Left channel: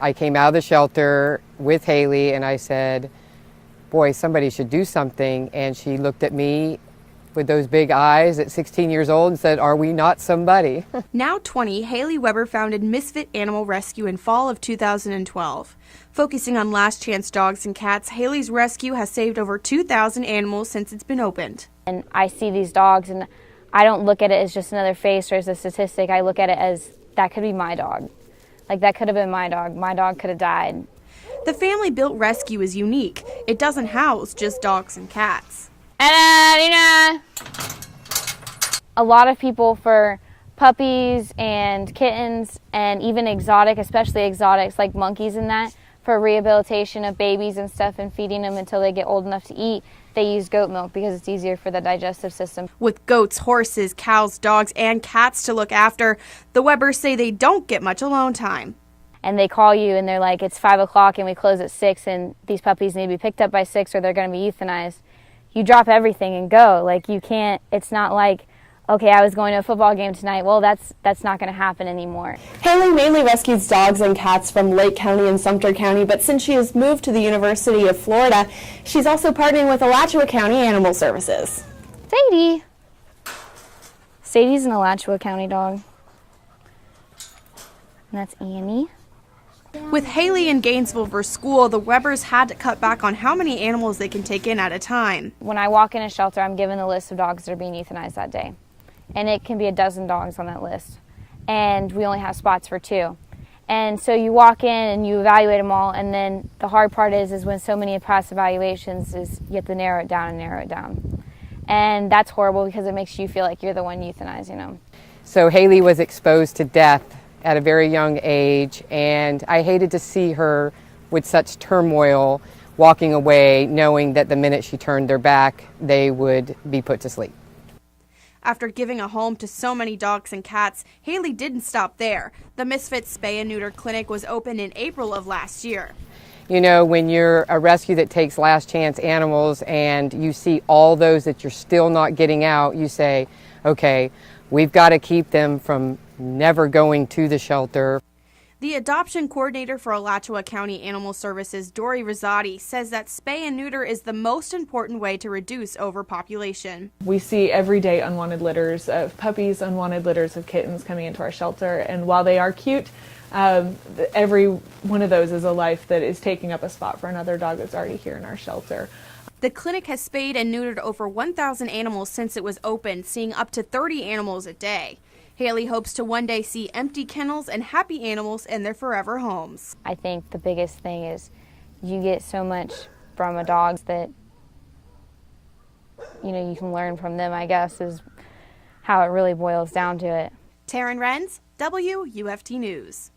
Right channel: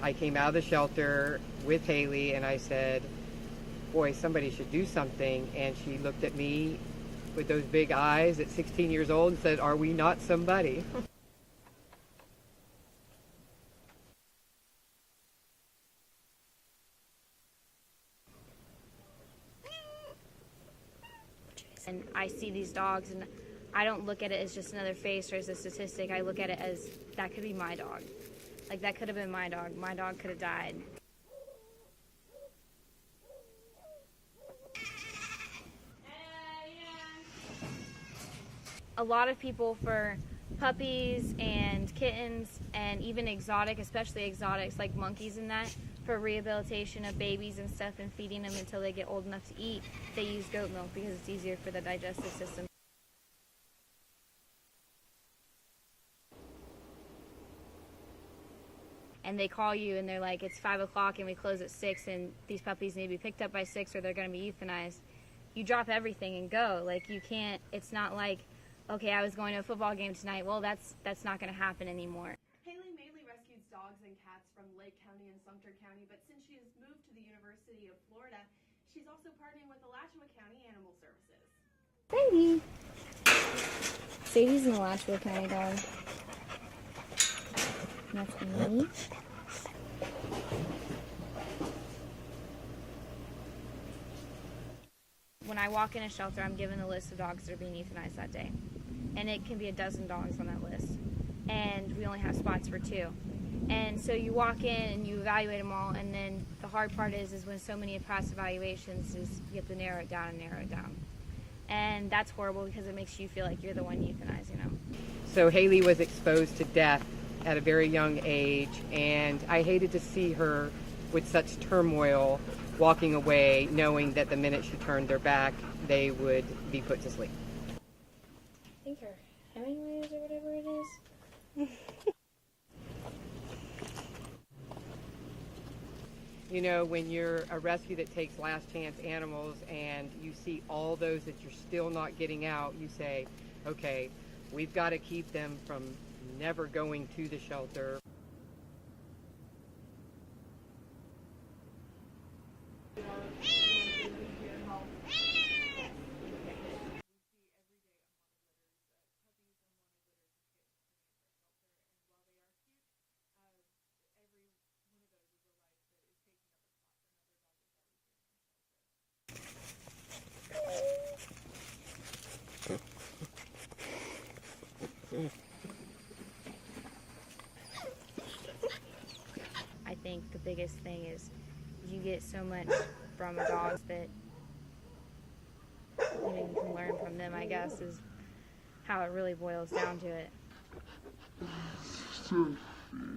I came out of the shelter with Halie and I said, boy, somebody should do something. And she looked at me with those big eyes at 16 years old and said, are we not somebody? Now 20, Halie Weber founded Misfit Animal Rescue in fall of 2012. Focusing on last chance dogs and cats, Halie's rescue has saved over 2,000 animals since it's been opened. And I see these dogs and I don't look at it as just another face or as a statistic. I look at it as that could be my dog. Like that could have been my dog. My dog could have died. The family-built rescue is unique. It doesn't house just dogs and cats. A lot of people for puppies and kittens and even exotic, especially exotics like monkeys and that, for rehabilitation of babies and stuff and feeding them until they get old enough to eat, they use goat milk because it's easier for the digestive system. With goats, horses, cows, dogs, and cats to look after, the Webers say they don't get much alone time. And they call you and they're like, it's 5 o'clock and we close at 6 and these puppies need to be picked up by 6 or they're going to be euthanized. You drop everything and go. Like you can't, it's not like, okay, I was going to a football game tonight. Well, that's not going to happen anymore. Halie mainly rescues dogs and cats from Lake County and Sumter County, but since she has moved to the University of Florida, she's also partnering with Alachua County Animal Services. Sadie. Sadie's an Alachua County dog. And that's Annie. With Halie in Gainesville for school, the Webers had to cut back on how many animals they can take in at a time. When I walk in a shelter, I'm given the list of dogs that are being euthanized that day. And it can be a dozen dogs on that list. And we only have spots for 2. And so you walk in and you evaluate them all, and then the hard part is when so many pass evaluations is you have to narrow it down and narrow it down. And that's horrible because it makes you feel like you're the one euthanizing them. So Halie was exposed to death at a very young age, and I hated to see her with such turmoil walking away, knowing that the minute she turned their back, they would be put to sleep. After giving a home to so many dogs and cats, Halie didn't stop there. The Misfit Spay and Neuter Clinic was opened in April of last year. You know, when you're a rescue that takes last chance animals and you see all those that you're still not getting out, you say, okay, we've got to keep them from never going to the shelter. The adoption coordinator for Alachua County Animal Services, Dory Rosati, says that spay and neuter is the most important way to reduce overpopulation. We see everyday unwanted litters of puppies, unwanted litters of kittens coming into our shelter, and while they are cute, every one of those is a life that is taking up a spot for another dog that's already here in our shelter. The clinic has spayed and neutered over 1,000 animals since it was opened, seeing up to 30 animals a day. Halie hopes to one day see empty kennels and happy animals in their forever homes. I think the biggest thing is you get so much from a dog that, you know, you can learn from them, I guess, is how it really boils down to it. Taryn Renz, WUFT News.